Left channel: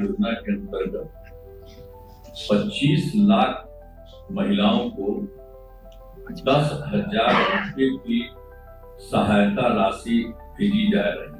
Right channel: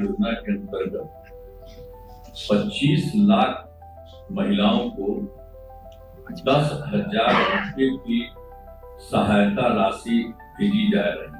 योजना के अंतर्गत 25 लाख महिलाओं को 10,000 रुपये की सहायता राशि भेजी जा रही है।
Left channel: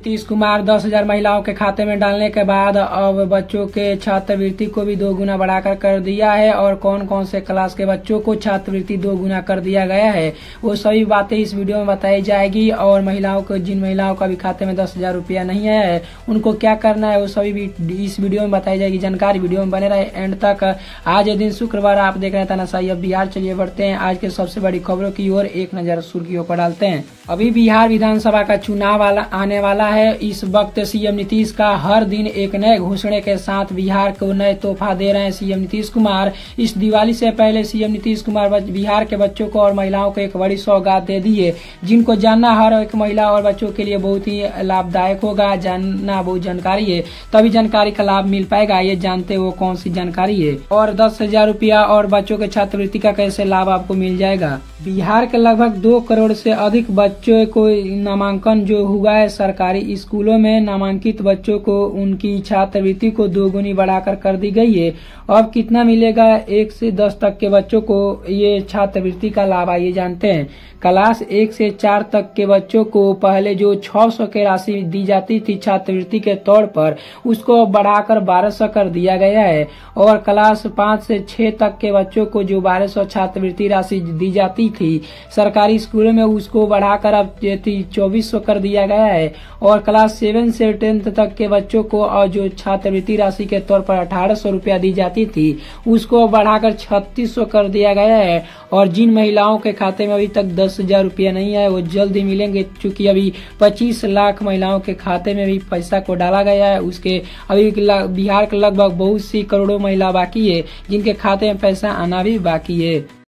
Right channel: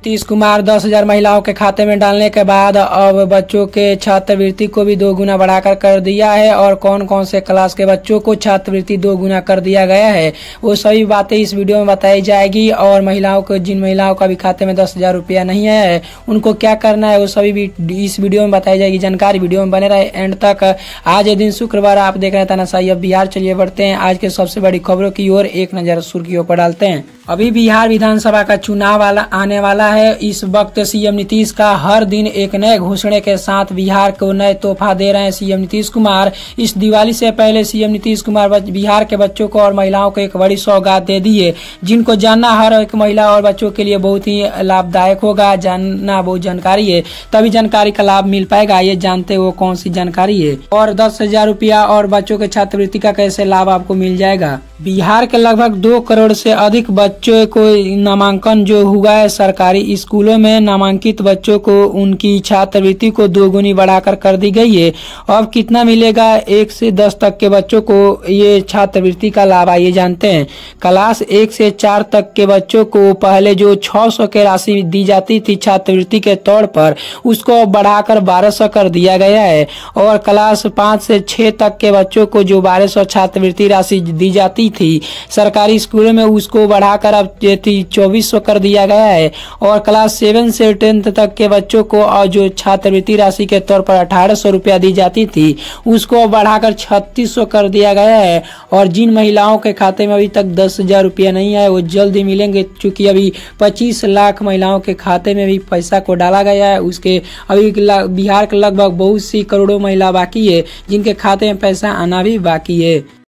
नीतीश कुमार 10,000 महिलाओं के खाते में डालने के बाद अब बच्चों के छात्रवृत्ति को भी 2 गुना बढ़ाकर कर दिया है। और कौन कौन से क्लास के बच्चों को छात्रवृत्ति 2 गुना कर दिया गया है, वो सभी बातें इस वीडियो में बताई जाएगी। और महिलाओं को, जिन महिलाओं का भी खाते में 10,000 रुपया नहीं है, उनको क्या करना है, वो सभी भी इस वीडियो में बताई जाएगी। जानकारी वीडियो में बने रहे एंड तक। आज दिन शुक्रवार, आप देख रहे हैं तानाशाही अब बिहार। चलिए बढ़ते हैं आज के सबसे बड़ी खबरों की ओर, एक नजर सुर्खियों पर डालते हैं। अभी बिहार विधानसभा का चुनाव आने वाला है। इस वक्त सीएम नीतीश का हर दिन एक नए घोषणे के साथ बिहार को नए तोहफा दे रहे हैं सीएम नीतीश कुमार। इस दिवाली से पहले सीएम नीतीश कुमार बिहार के बच्चों को और महिलाओं को एक बड़ी सौगात दे दी है, जिनको जानना हर एक महिला और बच्चों के लिए बहुत ही लाभदायक होगा। जानना वो जानकारी है, तभी जानकारी का लाभ मिल पाएगा। ये जानते वो कौन सी जानकारी है और 10,000 रुपया और बच्चों के छात्रवृत्ति का कैसे लाभ आपको मिल जाएगा। बिहार के लगभग 2 करोड़ से अधिक बच्चों को नामांकन जो हुआ है सरकारी स्कूलों में, नामांकित बच्चों को उनकी छात्रवृत्ति को 2 गुनी बढ़ाकर कर दी गई है। अब कितना मिलेगा 1 से 10 तक के बच्चों को ये छात्रवृत्ति का लाभ, आइए जानते हैं। क्लास 1 से 4 तक के बच्चों को पहले जो 600 की राशि दी जाती थी छात्रवृत्ति के तौर पर, उसको बढ़ाकर 1200 कर दिया गया है। और क्लास 5 से 6 तक के बच्चों को जो 1200 छात्रवृत्ति राशि दी जाती थी सरकारी स्कूलों में, उसको बढ़ाकर अब 2400 कर दिया गया है। और क्लास 7 से 10 तक के बच्चों को और जो छात्रवृत्ति राशि के तौर पर 1800 रुपया दी जाती थी, उसको बढ़ाकर 3600 कर दिया गया है। और जिन महिलाओं के खाते में अभी तक 10,000 रुपया नहीं है, वो जल्द ही मिलेंगे, क्योंकि अभी 25 लाख महिलाओं के खाते में भी पैसा को डाला गया है। उसके अभी बिहार के लगभग बहुत सी करोड़ों महिला बाकी है, जिनके खाते में पैसा आना भी बाकी है।